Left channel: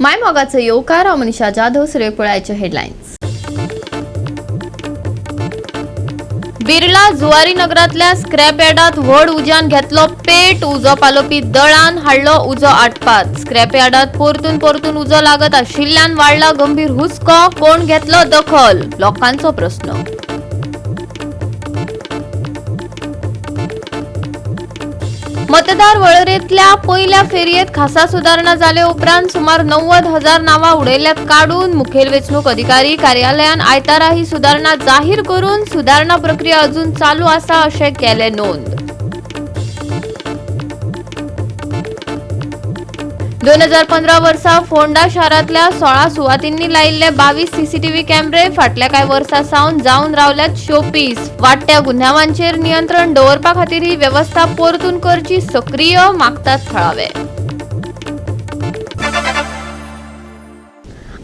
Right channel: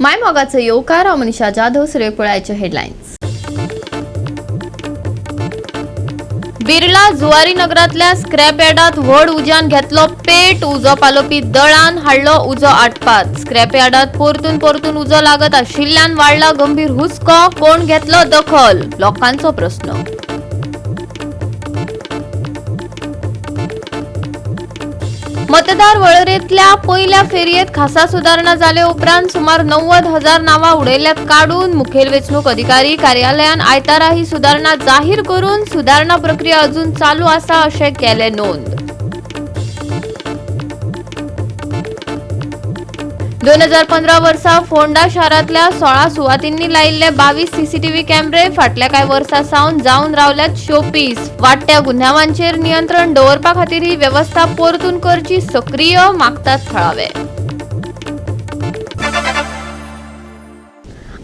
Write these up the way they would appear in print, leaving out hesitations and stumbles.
मायमोगाचं येवकार हांव Manisha Jadhav. सुर्यपुळाचे headlines. Birla Zuari नगरातल्या scrap यार्डात व्हड उज्यान घेतलो पेट. उजो पालोवपी दळान हाडलो उजो आटपात. स्क्रॅप यार्डात परतून उजो लागत आशिल्ल्यान वाडला गंभीर हुस्को. कोण घेतलो दखल? लोकांचो प्रस्न. मतदार वळेरेंतल्या पयल्या फेरयेत खासा सुदारणा जाले उपरांत सुमार 90,000 नावां उडयल्यात काडून. मुखेल वेंचणूक अधिकारी कार्यालयान आयतारा ही सुदारणा जाहीर करून सुदारणा प्रक्रिया अजून चालू आसा अशें केले नोंद. 2015 वर्सा फोंडा शारांतल्या 16 सुवातींनी लायिल्ले 22 सीसीटीव्ही कॅमेरे फाटल्या कांय वर्सां सावन जावन रावल्यात शोपीस. वाडट्या गुन्यांवांचेर नियंत्रण दवरपा खातीर ही वेवस्था परतून करची सक्रीय मागतात थळावे.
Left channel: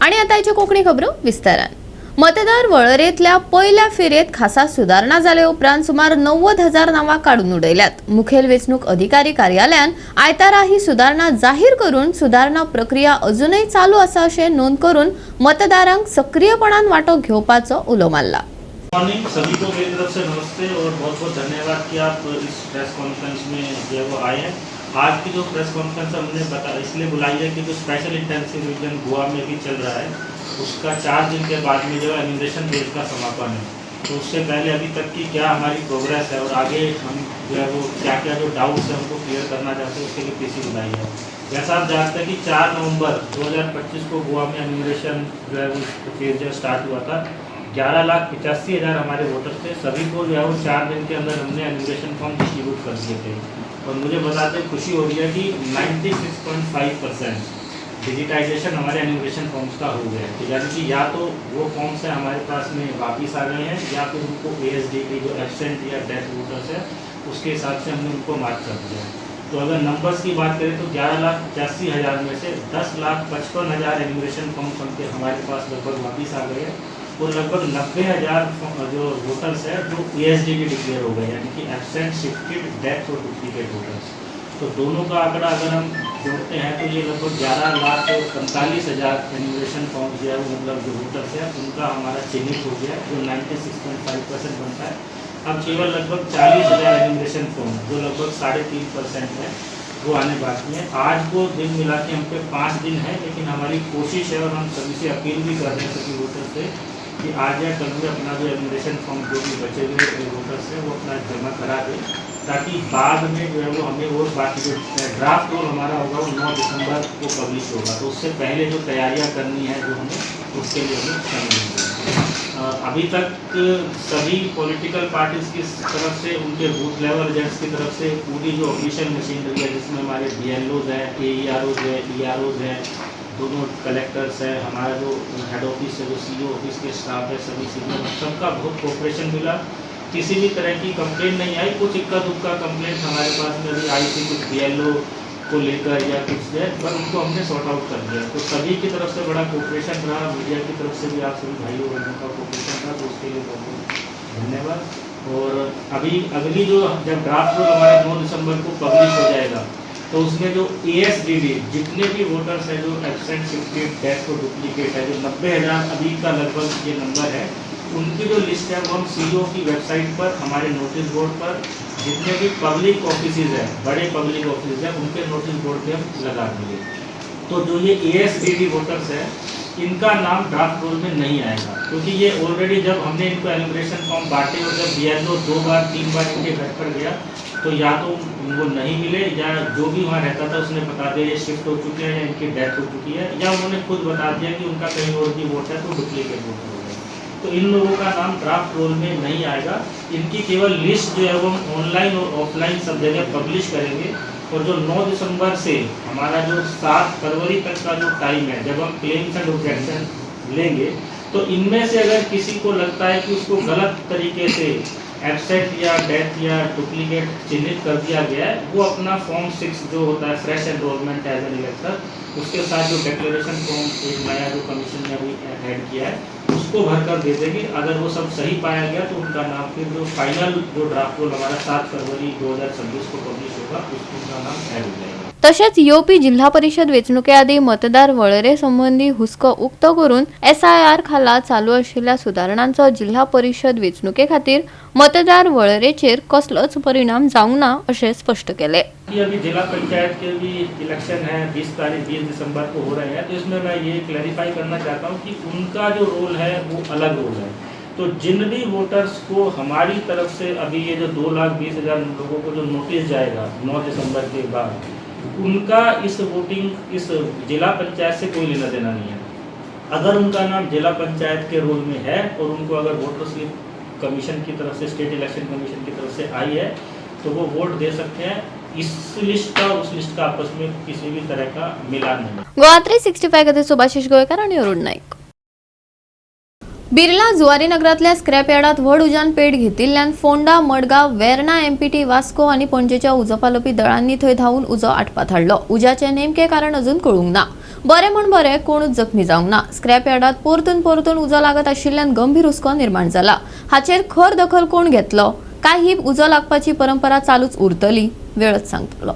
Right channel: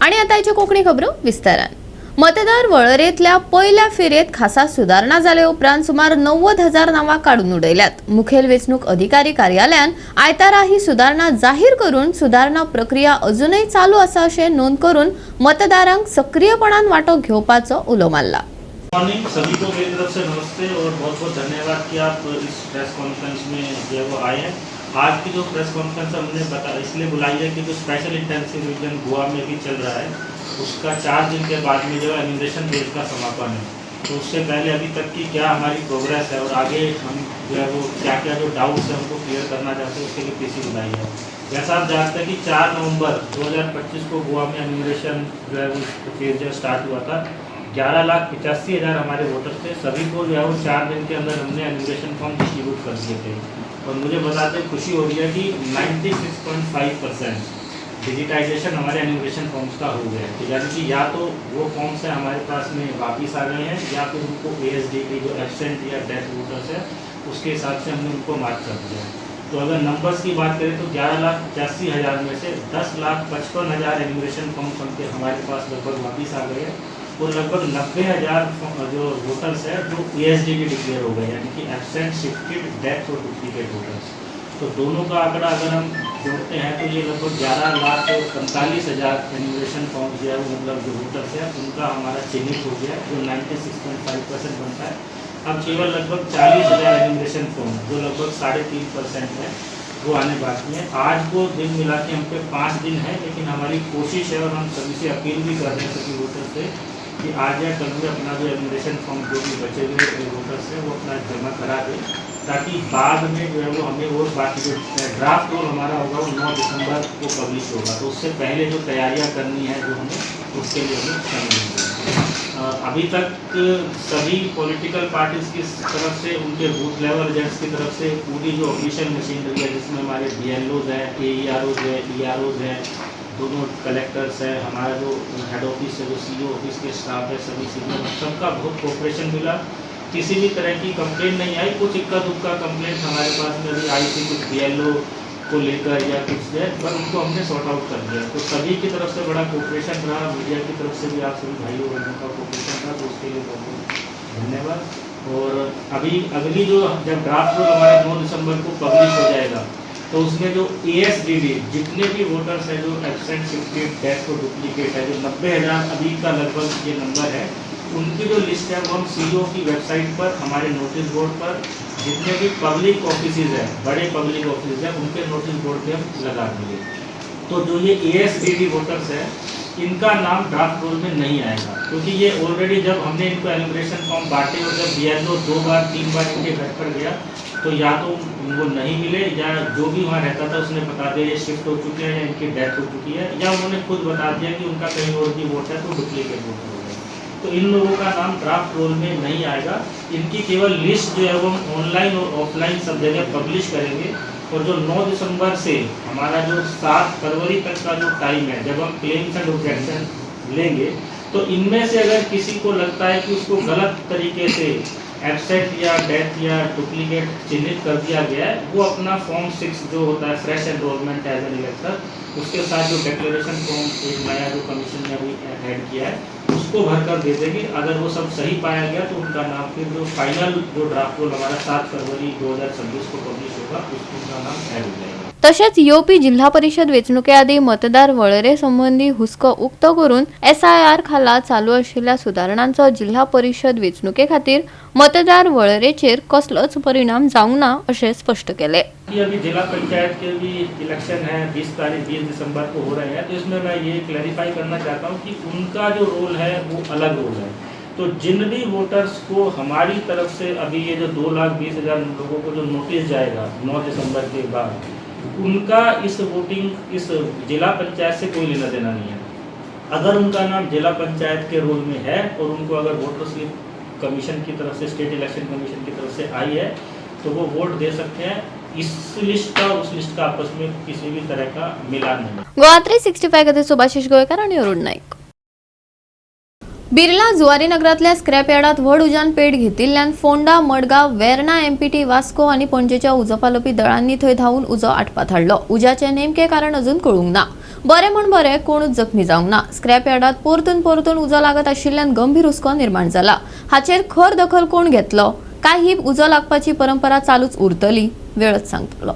आणि आतांच्यो कोंकणी खबरो विस्तारान. मतदार वळेरेंतल्या पयल्या फेरयेत खासा सुदारणा जाले उपरांत सुमार 90,000 नावां काडून उडयल्यात. मुखेल वेंचणूक अधिकारी कार्यालयान आयतारा ही सुदारणा जाहीर करून सुदारणा प्रक्रिया अजूनय चालू आसा अशें नोंद करून मतदारांक सक्रियपणान वांटो घेवपाचो उलो मारला. मॉर्निंग सभी को मेरी तरफ से नमस्ते और बहुत बहुत धन्यवाद कि आप इस प्रेस कॉन्फ्रेंस में जो है वो आए हैं। आज की जो प्रेस कॉन्फ्रेंस हमने इसलिए बुलाई है कि जो स्पेशल इंटेंसिव रिवीजन गोवा में भी चल रहा है उसका 4 दिन के बाद में जो है एनिमेशन फेज का समापन है। तो उससे पहले अभी तक की क्या हमारी प्रोग्रेस है और आगे हम जो है वो क्या क्या जो डाउट्स है उनको क्लियर करना चाहते हैं उसके लिए पीसी बुलाई है। जैसा आप जानते हैं कि 4 नवंबर 2025 को गोवा में एनिमेशन जो है वो फेज जो स्टार्ट हुआ था। 11,85,000 हमारे वोटर्स थे। सभी को जो है वो 4 दिन के अंदर हमने एनिमेशन फॉर्म डिस्ट्रीब्यूट कर दिए थे और मुझे बताते खुशी हो रही है कि 96.5% डिजिटाइजेशन हमारे एनिमेशन फॉर्म्स का हो गया है। तो यानी कि या तो वो फॉर्म्स है हमारे पास में वापस आ गए हैं या फिर उनको ASDP जो एब्सेंट या डेथ वोटर्स है उसके हिसाब से हमने उनको मार्क कर दिया है। तो अगर नंबर्स की बात करें तो 11,85,000 में से 10,55,000 एनिमेशन फॉर्म्स हमारे पास लगभग वापस आ गए हैं और लगभग 90,000 जो वोटर्स है जो ASDP डिक्लेयर हो गए यानी कि एब्सेंट, शिफ्टेड, डेथ और डुप्लीकेट वोटर्स। तो दोनों का आंकड़ा अगर हम जोड़ते हैं तो ये लगभग 11,45,000 एनिमेशन फॉर्म जो है मतलब जो वोटर्स है उनका हमारा चिन्हित हो गया जो 96.5% बनता है। अब केवल लगभग 40,000 एनिमेशन फॉर्म जो लगभग 3.5% है वो आने बाकी है। आज को दिन मिला के हम पे 5 दिन है लेकिन हमारी कोशिश है और हम सभी से अपील भी कर रहे हैं सभी वोटर्स से कि आज या कल में अपना जो एनिमेशन फॉर्म जो भी बचे हुए वोटर्स है वो अपना जमा करा दें ताकि बाद में जो है वो हमें और बाकी जो ड्राफ्ट रोल हमारा होगा वो 9 दिसंबर को पब्लिश होगा। तो उससे पहले जो तैयारियां करनी है जो हमें उसके लिए हमें समय मिलेगा। अभी तक सभी पॉलिटिकल पार्टीज की तरफ से उनके बूथ लेवल एजेंट्स की तरफ से पूरी जो ऑफिशियल मशीनरी है जिसमें हमारे BLOs हैं, AEROs है, EROs हैं, दोनों कलेक्टर्स हैं, हमारा जो हेड ऑफिस है जो CO ऑफिस के स्टाफ है सभी सीनियर सबका बहुत कोऑपरेशन मिला। किसी भी तरह की कंप्लेंट नहीं आई। कुछ इक्का दुक्का कंप्लेंट हमारे पास में भी आई थी कुछ BLO को लेकर या कुछ है पर उनको हमने सॉर्ट आउट कर दिया। तो सभी की तरफ से बड़ा कोऑपरेशन रहा, मीडिया की तरफ से भी आप सभी भाइयों बहनों का कोऑपरेशन रहा तो उसके लिए बहुत बहुत धन्यवाद। और अभी अगली जो जब ड्राफ्ट रोल हमारा 9 दिसंबर को पब्लिश हो जाएगा तो उसमें जो ASDD जितने भी वोटर्स हैं जो एब्सेंट, शिफ्टेड, डेथ और डुप्लीकेट है जो 90,000 अभी का लगभग ये नंबर है उनकी जो लिस्ट है वो हम CO की वेबसाइट पर हमारे नोटिस बोर्ड पर जितने भी पब्लिक ऑफिसेज हैं बड़े पब्लिक ऑफिस हैं उनके नोटिस बोर्ड पे हम लगा देंगे। तो जो ये ASDD वोटर्स है इनका नाम ड्राफ्ट रोल में नहीं आएगा क्योंकि ये ऑलरेडी जब हमने इनको एनिमेशन फॉर्म बांटे और जब BLO 2 बार 3 बार इनके घर पर गया तो या तो उनको नहीं मिले या जो भी वहाँ रहता था उसने बता दिया ये शिफ्ट हो चुके हैं या इनकी डेथ हो चुकी है या उन्होंने खुद बता दिया कि उनका कहीं और भी वोट है तो डुप्लीकेट वोटर हो गया। तो इन लोगों का नाम ड्राफ्ट रोल में नहीं आएगा। इनकी केवल लिस्ट जो है वो हम ऑनलाइन और ऑफलाइन सब जगह पब्लिश करेंगे और जो 9 दिसंबर से हमारा जो 7 फरवरी तक का जो टाइम है जब हम क्लेम्स एंड ऑब्जेक्शन लेंगे तो इनमें से अगर किसी को लगता है कि उसको गलत तरीके से एब्सेंट या डेथ या डुप्लीकेट चिन्हित कर दिया गया है वो अपना फॉर्म 6 जो होता है फ्रेश एनरोलमेंट एज एन इलेक्टर उसके साथ जो डिक्लेरेशन फॉर्म एक नया जो कमीशन ने अभी ऐड किया है उसको भर कर दे देंगे। अगर वो सब सही पाया गया तो उनका नाम फिर जो फाइनल जो ड्राफ्ट रोल हमारा 7 फरवरी 2026 को पब्लिश होगा उसका नाम ऐड हो जाएगा। तसेच योपी जिल्हा परिषद वेचणुकेआधी मतदार वळेरे संबंधी हुस्को उक्त करून SIR खाला चालू असलेल्या सुधारणांचो जिल्हा परिषद वेचणुके खातीर मतदार वळेरेचेर कसलोच परिणाम जावंक ना अशें स्पष्ट केले। अभी जिला पंचायत के भी इलेक्शन है 20 दिसंबर को हो रहे हैं, तो इसमें मैं ये क्लैरिफाई करना चाहता हूँ कि उनका जो रोल है वो अलग रोल है। तो जिन भी वोटर्स को हमारी तरफ से अभी ये जो 2,20,000 लोगों को जो नोटिस जाएगा 9 दिसंबर के बाद, उनका इस वोटिंग इस जिला पंचायत से कोई लेना देना नहीं है। अगर उनका नाम जिला पंचायत के रोल में है और उनको अगर वोटर स्लिप कमीशन की तरफ से, स्टेट इलेक्शन कमीशन की तरफ से आई है, तो वो वोट दे सकते हैं। इस लिस्ट का उस लिस्ट का आपस में किसी भी तरह का मिलान नहीं। गोवा 365 खातीर सुभाशीष गोयकार आणि अरुण नाईक। बिर्ला जुवारी नगरातल्या स्क्रॅप यार्डात व्हड उजान पेट घेतिल्ल्यान फोंडा, मडगांव, वेर्णा, MPT, वास्को आणि पणजेच्या उजो पालोवपी दळांनी थंय धांवून उजो आटपात हाडलो। उज्याचे नेमके कारण अजून कळूंक ना। बरे म्हण बरे कोणूच जखमी जावंक ना। स्क्रॅप यार्डात परतून उजो लागत आशिल्ल्यान गंभीर हुस्को निर्माण जाला। हाचेर खर दखल कोण घेतलो, काय ही उजो लागपाची परंपरा चालूच उरतली, वेळच सांगतलो।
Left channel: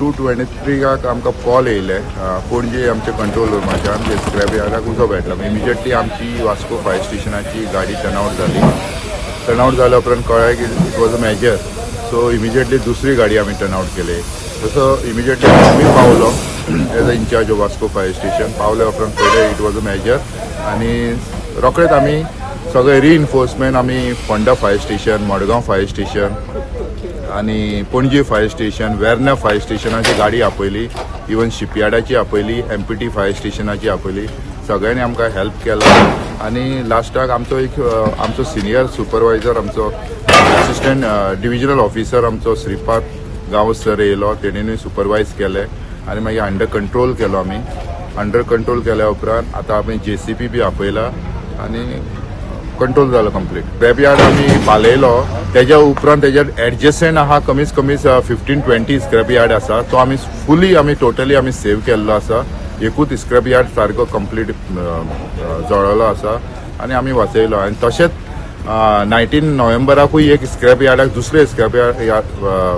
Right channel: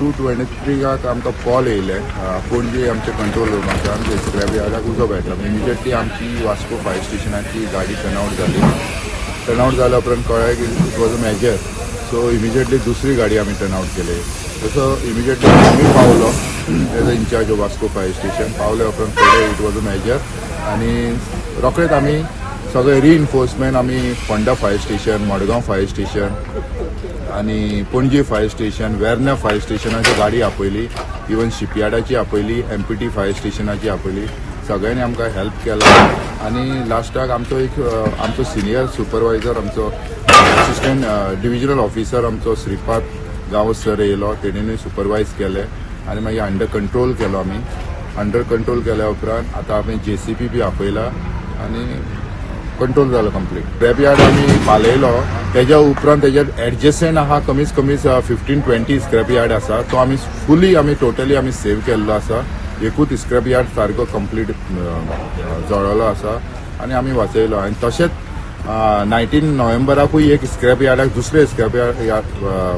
टू 23 आमकां कॉल येयले पणजे आमच्या कंट्रोल रुमाच्यान ते स्क्रॅप यार्डाक उजो पेटला। इमिजिएटली आमची वास्को फायर स्टेशनाची गाडी टर्नआउट जाली। टर्नआउट जाल्या उपरांत कळ्ळें की it was a major, so immediately दुसरी गाडी आमी टर्नआउट केली। तसो इमिजिएटली आमी पावलो as a in charge of Vasco fire station. पावल्या उपरांत पळयलें इट वॉज अ मेजर आनी रोखडेच आमी सगळे रिइन्फोर्समेंट आमी Ponda fire station, Madgaon fire station आणि Panaji fire station, Verna fire स्टेशनाची गाडी आपयली, इवन शिपयार्डाची आपयली, MPT फायर स्टेशनाची आपयली। सगळ्यांनी आमकां हेल्प केलो आणि लास्टाक आमचो सिनियर सुपरवायझर, आमचो असिस्टंट डिव्हिजनल ऑफिसर आमचो श्रीपाद गांवस सर येयलो, तेणेनूय सुपरवायज केले आणि मागीर अंडर कंट्रोल केलो आमी। अंडर कंट्रोल केल्या उपरांत आतां आमी JCB बी आपयला आणि कंट्रोल जालो कंप्लीट। स्क्रॅप यार्ड आमी बालयलो, तेज्या उपरांत तेज्या एडजस्टंट आहा कमीत कमी 15-20 स्क्रॅप यार्ड आसा, तो आमी फुली टोटली आमी सेव केल्लो आसा। एकूच स्क्रॅप यार्ड सारको कंप्लीट जळलो आसा आनी आमी वाचयलो। आनी तशेंच 19 नोव्हेंबराकूय एक स्क्रॅप यार्डाक दुसरे स्क्रॅप यार्ड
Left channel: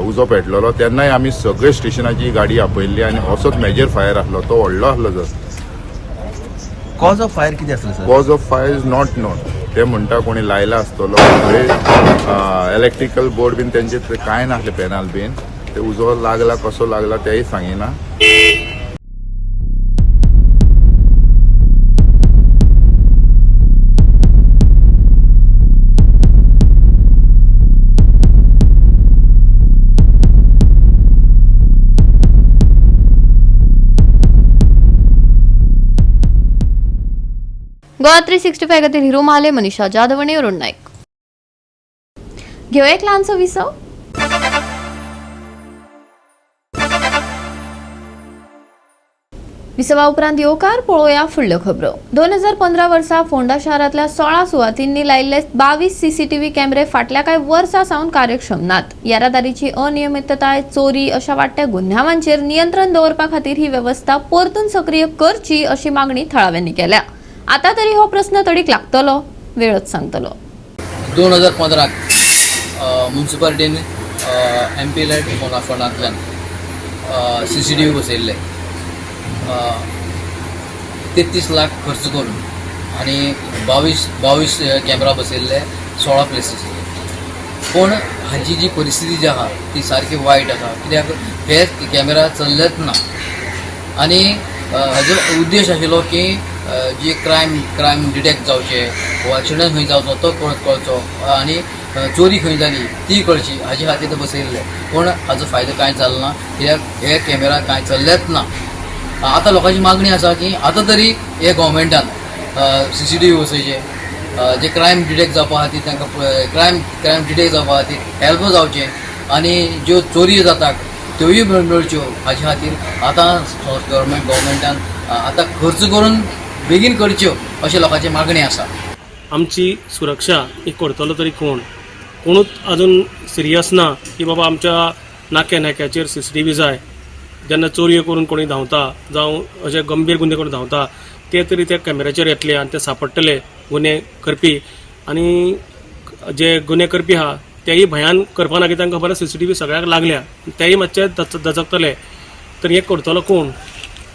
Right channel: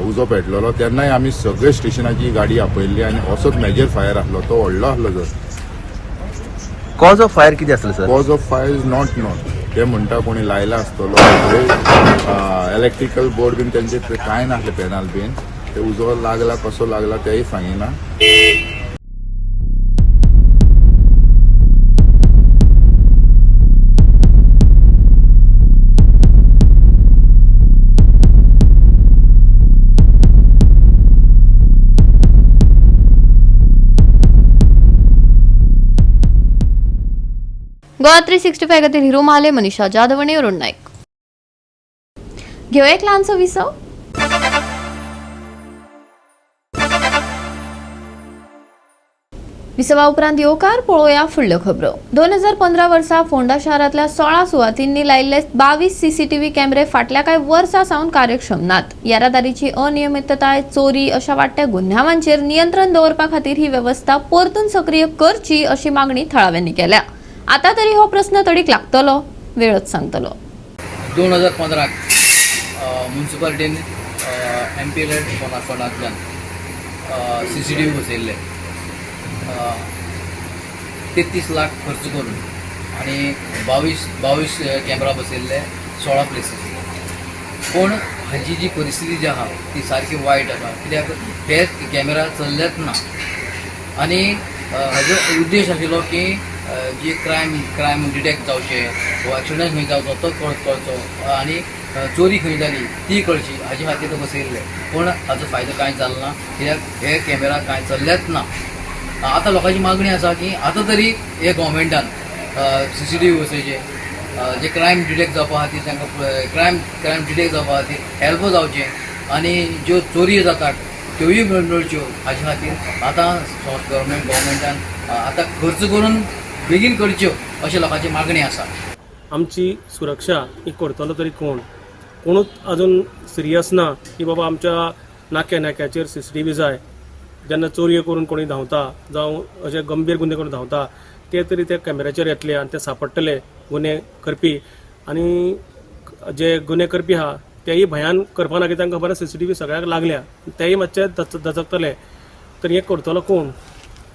उजो पेटलेलो, तेन्नाय आमी सगळे स्टेशनाची गाडी आपयल्ली आनी असोच मेजर फायर आसलो, तो व्हडलो आसलो जर। कॉज ऑफ फायर कितें आसलें sir? Cause of fire is not non. ते म्हणटा कोणी लायला आसतलो, इलेक्ट्रिकल बोर्ड बीन तेंचे कांय नासले पॅनल बीन, ते उजो लागला कसो लागला तेय सांगिना। गोवा 365 खातीर हिरो महाले, मनीषा जाधव आणि अरुण नाईक। घेऊ एक ल्हानसो विसव। विसवा उपरांत येवकार पळोवया फुडल्यो खबरो। 2015 वर्सा फोंडा शारांतल्या 16 सुवातींनी लायिल्ले 22 CCTV कॅमेरे फाटल्या कांय वर्सां सावन कार्यक्षम नात। येरादारीची अनियमितताय, चोरी अशा वाडट्या गुन्ह्यांचेर नियंत्रण दवरपा खातीर ही वेवस्था परतून सक्रिय करची अशी मागणी थळाव्यांनी केल्या। आता तरी हो प्रश्न तडीक लागतलो, वेळच सांगतलो। 2015 म्युनिसिपालिटीन MP लँड फोंडांतल्यान CCTV बसयल्ले 33 लाख खर्च करून आणि 22 कॅमेरा बसयल्ले 16 प्लेसीस। पण हाची जी परिस्थिती जी आहा ती सारकी वायट आसा, कित्याक हे कॅमेरा चल्लेच ना आणि हाजो उद्देश आशिल्लो की जे क्रायम डिटेक्ट जावचे, वो एक्सिडंट खंय जावचो तो कळचो आनी चोरी खंय जाली ती कळची, हाजे खातीर ते बसयल्ले। पण हाजो फायदो कांय जालो ना, कित्याक हे कॅमेरा कांय चल्लेच ना। आतां लोकांची मागणी आसा की आतां तरी हे गव्हर्मेंटान CCTV बसोवचे, जे क्रायम डिटेक्ट जावपा खातीर तांकां क्रायम डिटेक्ट जावपा खातीर हेल्प जावचे आनी ज्यो चोरी जातात त्योय मेळच्यो, हाजे खातीर आतां गव्हर्मेंटान आतां खर्च करून बेगीन करच्यो अशें लोकांची मागणी आसा। आमची सुरक्षा ही करतलो तरी कोण? कोणूच अजून सिरियस ना की बाबा आमच्या नाक्याचेर CCTV जाय, जेन्ना चोरयो करून कोणी धांवता जावं अशे गंभीर गुन्हे करून धांवता ते तरी त्या कॅमेऱ्याचेर येतले आनी ते सांपडटले गुन्हे करपी, आनी जे गुन्हे करपी आहा तेय भयान करपा ना, कित्याक खबर CCTV सगळ्याक लागल्या, तेय मातशे दचकतले. तर हे करतलो कोण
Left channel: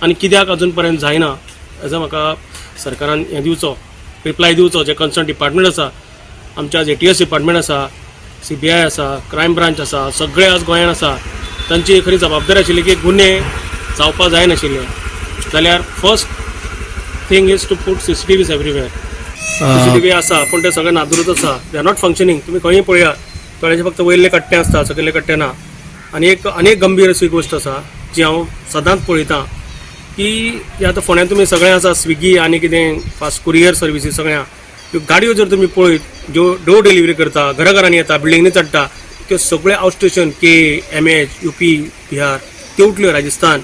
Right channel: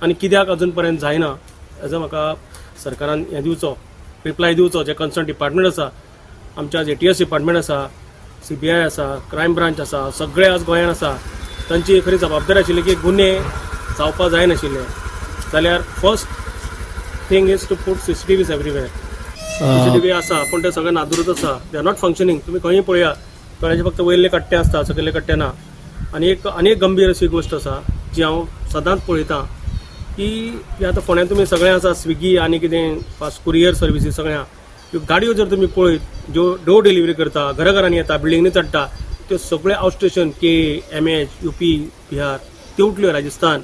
आनी कित्याक अजून पर्यंत जायना हाजो म्हाका सरकारान हें दिवचो, रिप्लाय दिवचो. जे कन्सर्न डिपार्टमेंट आसा, आमच्या ATS डिपार्टमेंट आसा, CBI आसा, क्रायम ब्रांच आसा, सगळे आज गोंयांत आसा, तांची खरी जबाबदारी आशिल्ली की गुन्हे जावपा जायनाशिल्ले. जाल्यार first thing is to put CCTVs everywhere. CCTV आसा पूण ते सगळे नादुरूच आसा, दे आर नॉट फंक्शनींग. तुमी खंयी पळया, कळ्याचे फक्त वयले कट्टे आसता, सकयले कट्टे ना. आनी एक गंभीर अशी गोश्ट आसा जी हांव सदांच पळयतां की आतां फोंड्यान तुमी सगळें आसा, स्विगी आनी कितें फास्ट कुरियर सर्विसीस सगळ्या ह्यो गाडयो जर तुमी पळयत ज्यो डोर डिलिव्हरी करता, घराघरांनी येता, बिल्डिंगनी चडटा, त्यो सगळे out station MH, UP, Bihar त्यो उठल्यो, राजस्थान.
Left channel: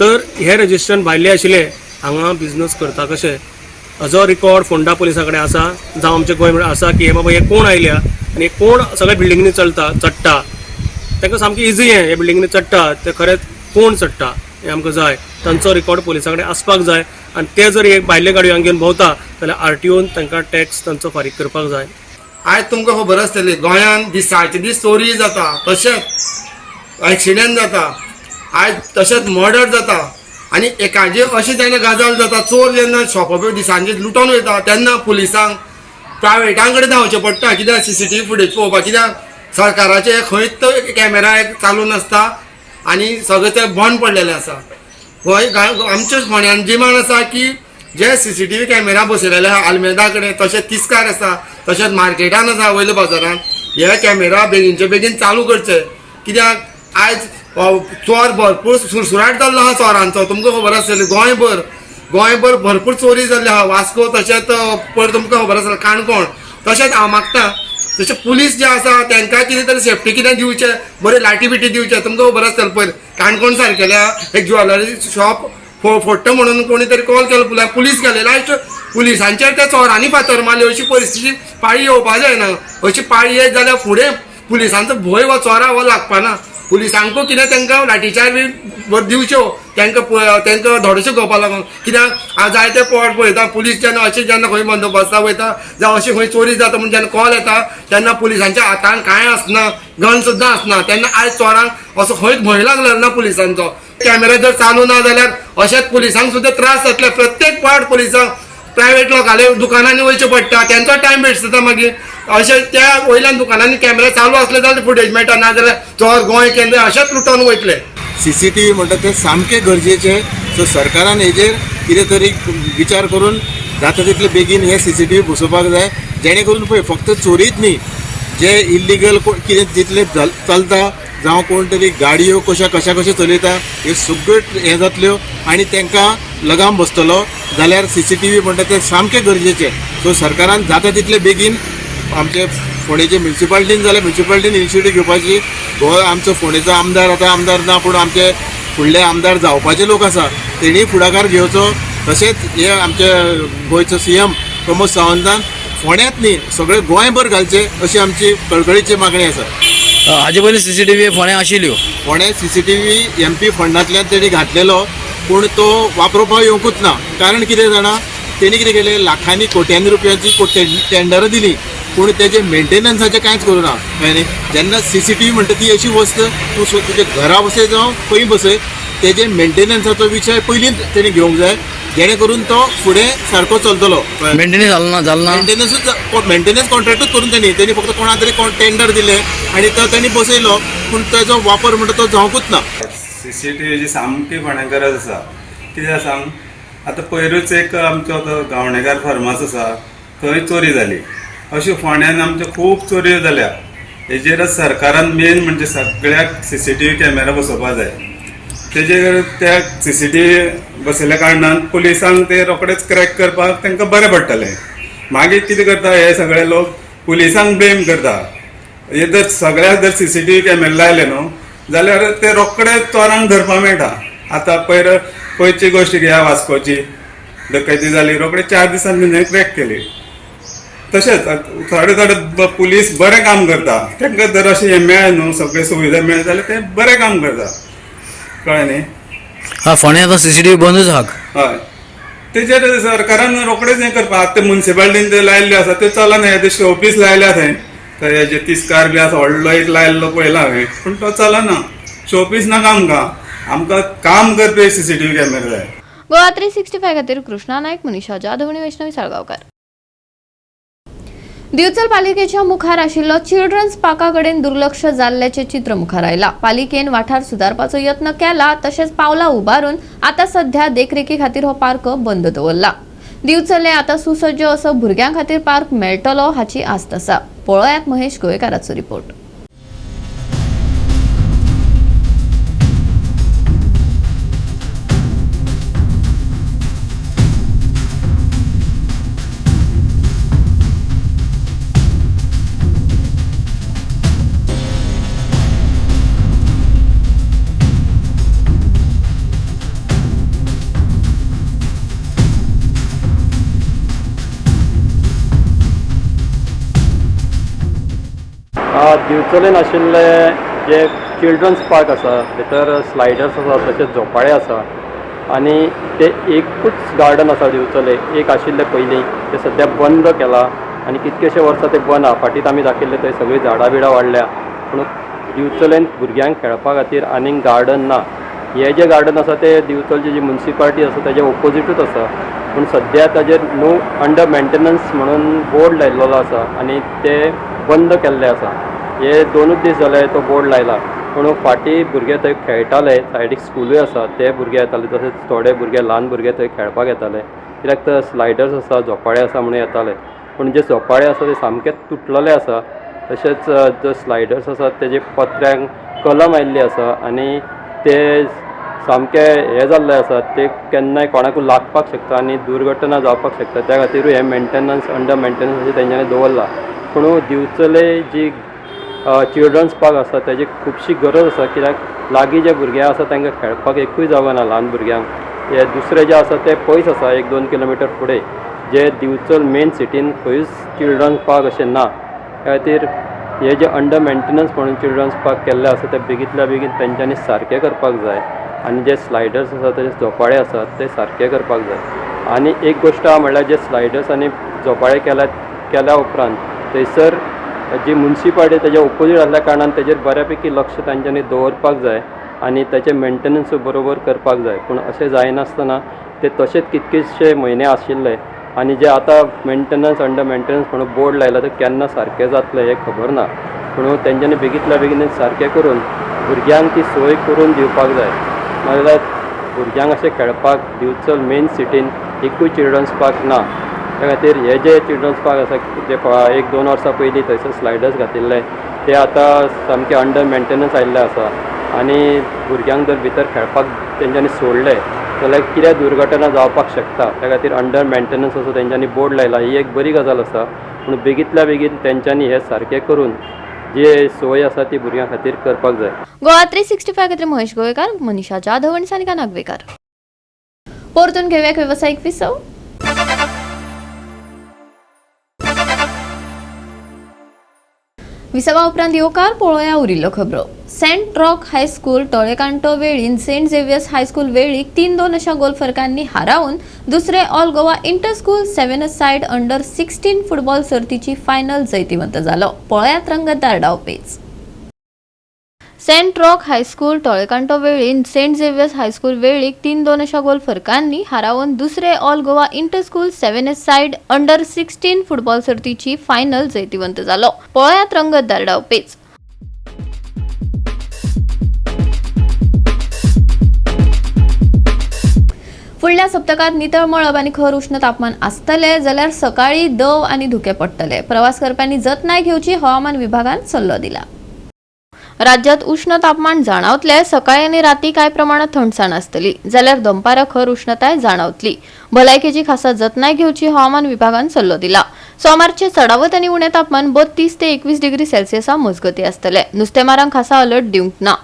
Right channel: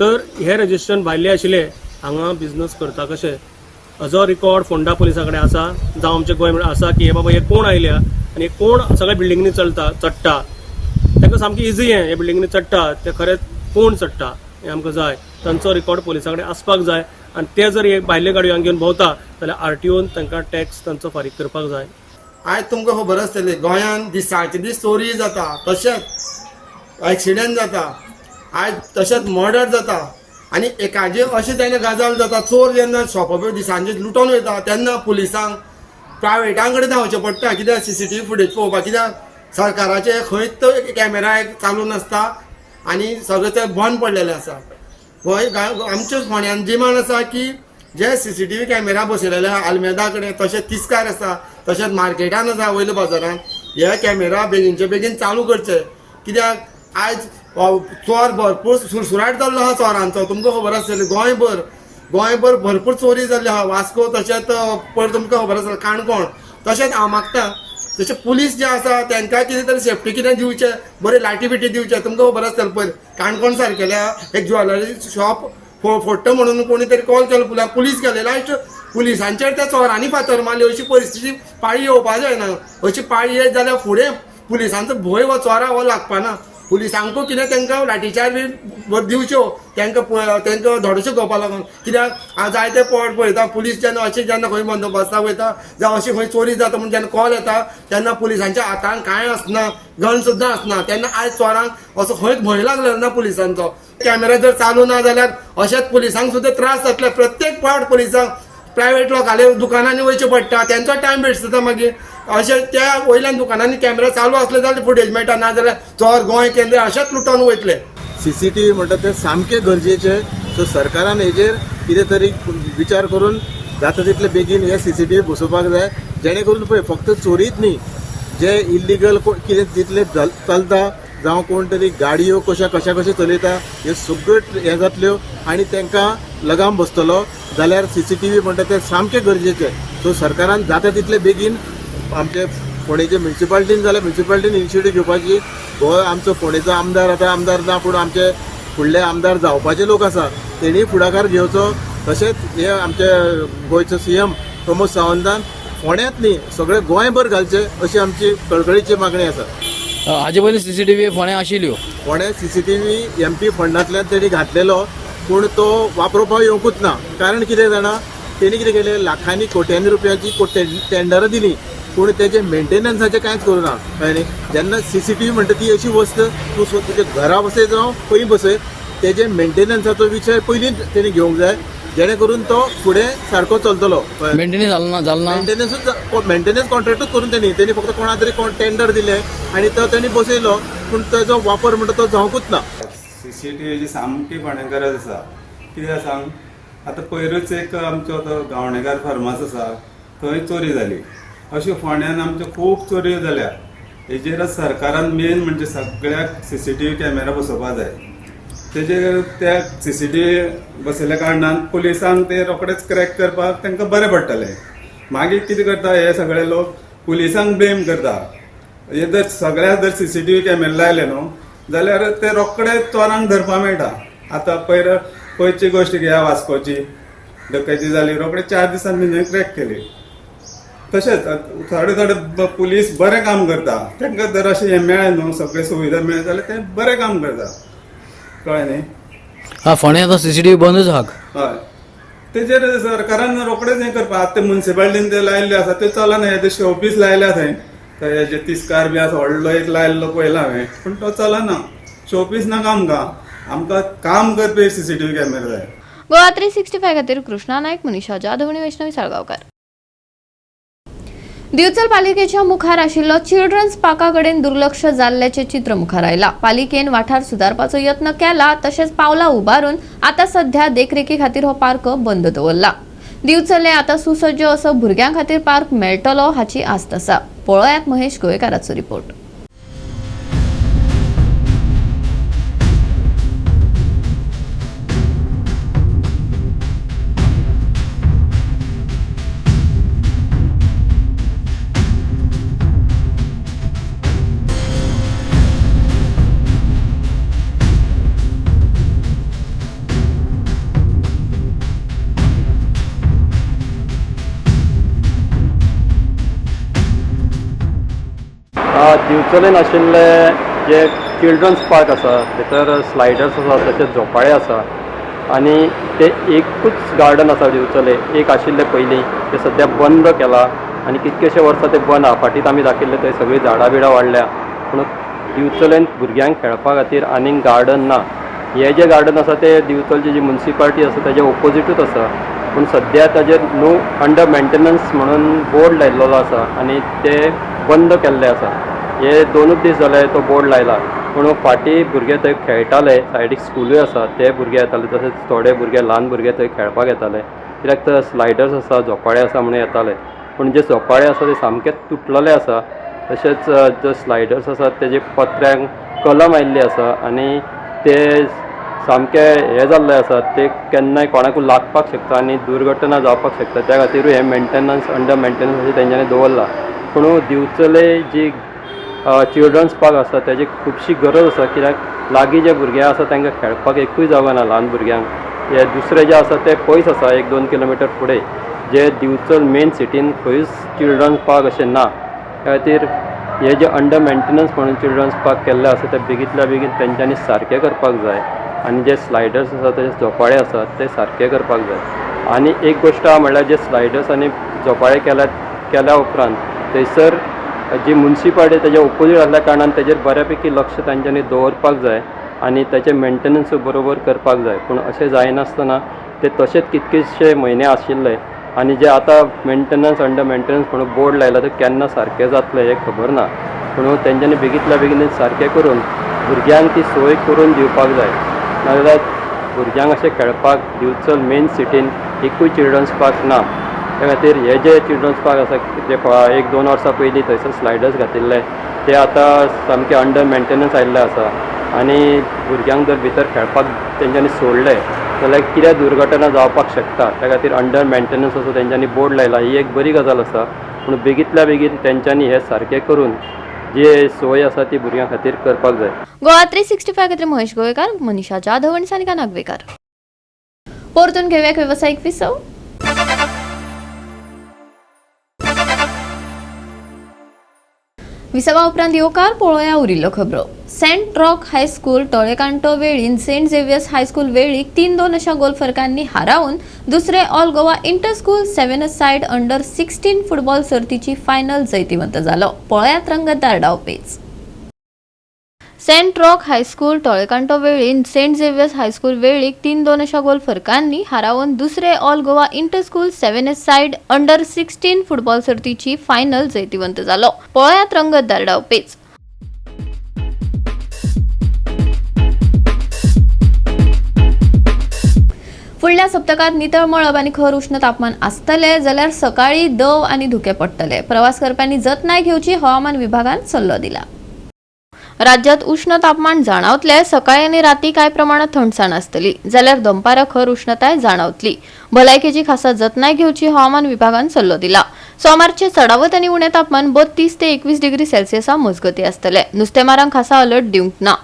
तर हे रजिस्ट्रेशन भायले आशिल्ले हांगा बिझनस करता कशे हाजो रिकॉर्ड फोंडा पुलिसा कडेन आसा, जावं आमचे गोंय आसा की हे बाबा हे कोण आयल्या आनी कोण सगळ्या बिल्डिंगनी चडटा. तांकां सामकें इजी हे बिल्डिंगनी चडटा ते खरेंच कोण चडटा हें आमकां जाय, तांचो रिकॉर्ड पुलिसा कडेन आसपाक जाय. आनी ते जर एक भायले गाडयो हांगा घेवन भोंवता जाल्यार RTOन तांकां टॅक्स तांचो फारीक करपाक जाय. आयज तुमकां खबर आसतली गोंयांत दिसाचे दीस चोरी जाता, तशेंच एक्सिडेंट जाता, आयज तशेंच मर्डर जाता. आनी एकाचे अशें जेन्ना गजाल जाता, चोर जेन्ना शॉपार दिसांचे लुटोन वयता तेन्ना पुलिसांक प्रायवेटां कडेन धांवचें पडटा. कित्याक CCTV फुटेज पळोवपाक, कित्याक सरकाराचे खंयच कॅमेरा चालू नासता आनी सगळें तें बंद पडलेलें आसा. आमच्या फोंड्यान जिमान आसा की जे CCTV कॅमेरा बसयलेले आहा आल्मेदा कडेन, तशेंच तिस्कार आसा, तशेंच मार्केटान आसा, वयल्या बाजारान. हे कॅमेरा बेगीनचे बेगीन चालू करचे, कित्याक आयज चोर भरपूर सुरसुराट जाल्लो आहा चोरांचो. तुमकां खबर आसतली गोंयभर भरपूर चोरी जाल्ली आहा. वास्को तशेंच पयर तुमकां खबर आसतलें काणकोण. तशेंच हांव मागता तशें पुलीस जे आसा तांकां कितें तरी सेफ्टी कितें दिवचें, बरें लाटी बिटी दिवचें. तुमकां खबर आसतलें पयर काणकोण सारकेल्या एक ज्वेलरी शॉप फोडटा म्हणून कोणी तरी कॉल केलो, पुलीस गेले, लास्ट पुलिसांचेर त्या चोरांनी फातर मारली. अशी परिस्थिती पाळी येवपा जायना. अशी पाळी येत जाल्यार फुडें पुलिसांचो भंय हो चोरा हो लागपाना. पुलिसांकूय कितें तांकां लाठीचार बी दिवच्यो, तांकां धोडोश्यो घेवपा लागून. कित्याक हांव जायते पावट पळयता पुलीस जेन्ना अशें जेन्ना खंय बंदोबस्ताक वयता जावं अशी खंय चोरी जाता म्हणून जेन्ना कॉल येता तेन्ना पुलिसांच्या हातान कांय आसना, गन सुद्दां आसना. तेन्ना आयज चोरांक असो खंयच भंय लागलेलो ना पुलिसांचो. कॅमेरा जर चालू ना जाल्यार अशेंच पुलिसांक सुद्दां त्रास जातले. प्रत्येक पावट पुलिसांक प्रायवेट लोकांच्या दुकानांनी वयचें पडटा, तेंचो टायम वेस्ट जाता. मागीर अशें त्या वयल्यान दुकानांनी कॅमेरा चालू आसले जाल्यार फुटेज मेळटा, ना जाल्यार चोर गोंय केंद्र अशेंच लुटोन वयतले. CCTV म्हणटा ते सामकें गरजेचें. सो सरकारान हेजेर कितें तरी विचार करून जाता तितले बेगीन हे CCTV बसोवपाक जाय, जेणे करून पळय फक्त चोरीच न्ही, जे इल्लिगल कितें जितले चलता जावं कोण तरी गाडयो कशें चलयता ह्यो सगळ्यो हें जातल्यो आनी तांकां लगाम बसतलो. जाल्यार CCTV म्हणटा ते सामकें गरजेचें. सो सरकारान जाता तितले बेगीन आमचे फोंडेचे म्युन्सिपालिटीन जाल्यार म्युन्सिपालिटीन इनिशिएटीव घेवपाची. हो आमचो फोंडेचो आमदार आतां आमदार ना पूण आमचे फुडले आमदार जावपाचे लोक आसा तेणी फुडाकार घेवचो. तशेंच हे आमचे गोंयचो CM प्रमोद सावंतान फोंड्यांत न्ही सगळे गोंयभर घालचे अशी आमची कळकळीची मागणी आसा. हाजे पयलीं CCTV फोंड्या आशिल्ल्यो. फोंड्या CCTV MP फंडांतल्यान तेणी घातलेलो पूण तो वापरपाक येवंकूच ना. कारण कितें जाणा, तेणी कितें केलें, लाखांनी कोट्यांनी रुपयाची टेंडरां दिली पूण तेजे मेंटेनन्साचें कांयच करूना. कळ्ळें न्ही. जेन्ना CCTV म्हणटा ती अशी वस्त तूं तुजे घरा बसय जावं खंय बसय, तेजे मेंटेनन्साचो विशय पयलींच तेणी घेवंक जाय, जेणे करून तो फुडें सारको चलतलो. मेंटेनन्स जालना मेंटेनन्स कॉन्ट्रॅक्टूच करून तेणी फक्त कोणा तरी टेंडर दिलें आनी तो तेणी बसयलो पूण तेजो वापर म्हणटा तो जावंकूच ना. CCTVची सामकी फोंड्यां गरज आसा. कित्याक सांग, आतां पयरूच एक आमचो गावणेकार फार्मास आसा, थंय चोरी जाली. अश्यो फोंड्यान आमच्यो खूब चोऱ्यो जाल्या. हेजेरच सरकारान मेन म्हणजे सगळ्याक CCTV कॅमेरा बसोवपाक जाय. तेजेर त्या CCTV बसयल्या कारणान पुलिसांक ते रोखडेच क्रॅक करपाक तांकां बरें पडटलें. मागीर कितें करता हे सगळे लोक पुलिसांक ब्लेम करता. हे जर सगळ्याक जर CCTV कॅमेरा लायले न्हू जाल्यार ते रोखडे चोरांक धरपाक मेळटा. आतां पयरची गोश्ट घेया, वास्कोची डकैती जाली, रोखडे 4 दिसांनी क्रॅक केली. तशेंच थोडे थोडे पुलीस बरें काम करता, तांकां जर अशें हें मेळ्ळें न्हू, सगळे सुविधा मेळ्ळ्यो जाल्यार ते बरें काम करता, कळ्ळें न्ही. हा फोंड्या आतां CCTV बंदूच आहात. हय, तेजेर सरकारान रोखडेच हें करपा. आतां ते म्युन्सिपालिटीन ते लायल्ले आसा ते चलना. हे ते शोपीस लायल्या थंय, थंय हेजे तिस्कार बी आसा, व्हडलो एक लायल्लो पळयला हांवें, पूण तो चलना. शोपीस नाका आमकां काम करपी CCTV कॅमेरा जाय. गोवा 365 खातीर कृष्णा नायक, मनीषा जाधव आणि वैष्णवी साळगांवकार. दिवचल पालिकेच्या मुखार आशिल्लो चिल्ड्रन्स पार्का कडेन दुर्लक्ष जाल्ल्याचे चित्र मुखार आयला. पालिकेन वाठार सुदारपाचो यत्न केला, तशेंच पावलां उबारून आता सध्या देखरेखी खातीर हो पार्क बंद दवरला. दिवचले आता सुसज्ज असो भुरग्यां खातीर पार्क मेळटलो हाची आस्त आसा. पळयात महेश गोयकाराचो रिपोर्ट. दिवचलेन आशिल्ले जे चिल्ड्रन्स पार्क आसा, भितर स्लायडर्स आसा, तशेंच झोपाळे आसा, आनी ते एकूच गार्डन आसा दिवचले. एक आशिल्ले पयलीं ते सद्या बंद केला आनी कितकेशे वर्सां ते बंद आहा. फाटीत आमी दाखयल्ले थंय सगळीं झाडां बिडां वाडल्या, पूण दिवचलेन भुरग्यांक खेळपा खातीर आनीक गार्डन ना. हे जे गार्डन आसा ते दिवचलची जी म्युन्सिपालिटी आसा तेजे ओपोजिटूच आसा, पूण सद्या ताजेर नो अंडर मेंटेनन्स म्हणून बोर्ड लायिल्लो आसा आनी ते बंद केल्ले आसा. हे 2 दीस जाले तो बोर्ड लायला, पूण फाटीं भुरगे थंय खेळटाले. सायडीक स्कुलूय आसा, ते भुरगे येताले, तशेंच थोडे भुरगे ल्हान भुरगे थंय खेळपाक येताले, कित्याक थंय स्लायडर्स आसा, झोपाळे आसा म्हणून येताले. पूण जे झोपाळे आसा ते सामकेच तुटलेले आसा. तशेंच जे स्लायडर्स आसा तेजे पत्र्यांक कलम आयिल्ली आसा आनी ते सामके हे जाल्ले आसा, ते केन्नाय कोणाकूय लागपाक शकता आनी दुर्घटना जावपाक शकता. त्या खातीरूय हे मेंटेनन्स अंडर मेंटेनन्स अशें तेंच्यांनी दवरला. पूण दिवचले जी चिल्ड्रन्स पार्क आसा तेजी खुबशी गरज आसा, कित्याक लागीं जे भुरगे आसा तांकां खेळपाक एकूय जागो ना ल्हान भुरग्यांक. हे दुसरे जे आसा ते पयस आसा, 1-2 किलोमिटर फुडें. जे दिवचल मेन सिटीन खंयूच चिल्ड्रन्स पार्क अशें ना. त्या खातीर हे जे अंडर मेंटेनन्स म्हणून चिल्ड्रन्स पार्क केल्ले आसा ते बेगींतल्या बेगीन तेंच्यांनी सारके करपाक जाय. आनी जे स्लायडर्स आसा तशेंच झोपाळे आसात ते सारके करपाक जाय. आनी एक गोश्ट आहा म्हणल्यार जे स्लायडर्स आनी झोपाळे केल्या उपरांत थंयसर जी म्युन्सिपालिटी तेजे ओपोजीट आसल्या कारणान तेजेर बऱ्यापैकी लक्ष तांच्यांनी दवरपाक जाय आनी तेचें मेंटेनन्सूय बरोबर करपाक जाय. पूण अशें जायनासतना ते तशेंच कितकेशे म्हयने आशिल्ले आनी जे आतां मेंटेनन्स अंडर मेंटेनन्स म्हणून बोर्ड लायला ते केन्ना सारकें जातलें हें खबर ना. पूण तेंच्यांनी बेगींतल्या बेगीन सारकें करून भुरग्यांक ती सोय करून दिवपाक जाय. नाजाल्यार भुरग्यांक अशें खेळपाक दिवचल मेन सिटीन एकूय चिल्ड्रन्स पार्क ना. त्या खातीर हे जे चिल्ड्रन्स पार्क आसा जे 1-2 वर्सां पयलीं थंयसर स्लायडर्स घातिल्ले ते आतां सामके अंडर मेंटेनन्स आयिल्ले आसा आनी भुरग्यांक जर भितर खेळपाक तेंच्यांनी सोडले जाल्यार कितें दुर्घटना जावपाक शकता. त्या खातीर अंडर मेंटेनन्स असो तेंच्यांनी बोर्ड लायला, ही एक बरी गजाल आसा. पूण बेगींतल्या बेगीन तेंच्यांनी हे सारकें करून जे सोय आसा ती भुरग्यां खातीर करपाक जाय. गोवा 365 खातीर महेश गोयकार, मनीषा जाधव आणि सानिका नागवेकर. परतून घेऊया व्यावसायिक विसव. विसवा उपरांत येवकार पळोवया उरिल्ल्यो खबरो. सेंट रॉक हायस्कूल टोळेकांटो वेळीन सेंट झेवियर्स हायस्कूल वेळीक 3-2 अशा गोल फरकांनी हारावन दुसरे all Goa inter school 7 side under 16 football सर्तीची फायनल जैतिवंत जालो. पळयात रंगतदार डावपेच. सेंट रॉक हायस्कूल टोळेकांटो वेळीन सेंट झेवियर्स हायस्कूल वेळीक 3-2 अशा गोल फरकांनी हारावन दुसरे all Goa inter school 7 side under 16 football सर्तीची फायनल जैतिवंत जालो. पळयात रंगतदार डावपेच. फुडल्या सप्तकात नितळ मळब आनी खर उष्ण तापमान आसतले जाल्यार सकाळी दव आनी धुके पडटले. प्रवास करप्यांनी जतनाय घेवची हवामान विभागान सल्लो दिला. राज्यात उष्ण तापमान जाणवतले. सकाळी आनी राती कांय प्रमाणात थंडसाण आसतली जाल्यार दनपारा खर उष्णताय जाणवतली. भलायकेची खासा जतनाय घेवची हवामान विभागान सल्लो दिला. सोमारचे चडावत आनी उणे तापमान 32 ते 21 डिग्री सेल्सियसा मजगती आसतले. नुस्तेमारांक खासा अलर्ट दिवंक ना.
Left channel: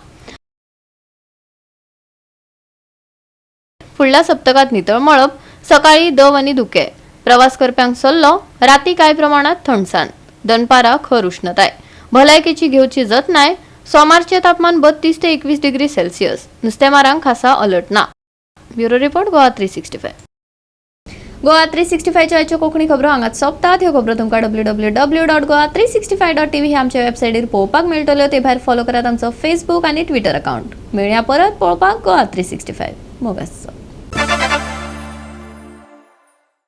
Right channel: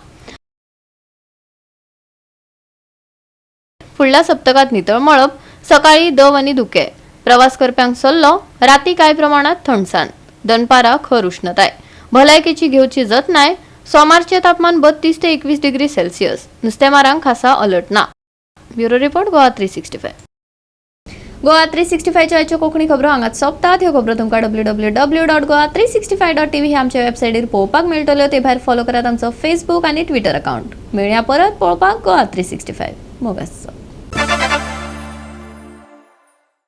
फुडल्या सप्तकात नितळ मळब, सकाळी दव आनी धुके. प्रवास करप्यांक सल्लो, राती कांय प्रमाणात थंडसाण, दनपारा खर उष्णताय, भलायकेची घेवची जतनाय, सोमारचे तापमान 32 ते 21 डिग्री सेल्सियस, नुस्तेमारांक खासा अलर्ट ना. Bureau report Goa 365. गोवा 365च्या आयच्यो कोंकणी खबरो हांगाच सोंपतात. ह्यो खबरो तुमकां www.goa365.tv हे आमच्या वेबसायटीर पळोवपाक मेळटल्यो. ते भायर फॉलो करात आमचो फेसबूक आनी ट्विटर अकाउंट. मेळया परत पळोवपाक गोवा 365. मोगास.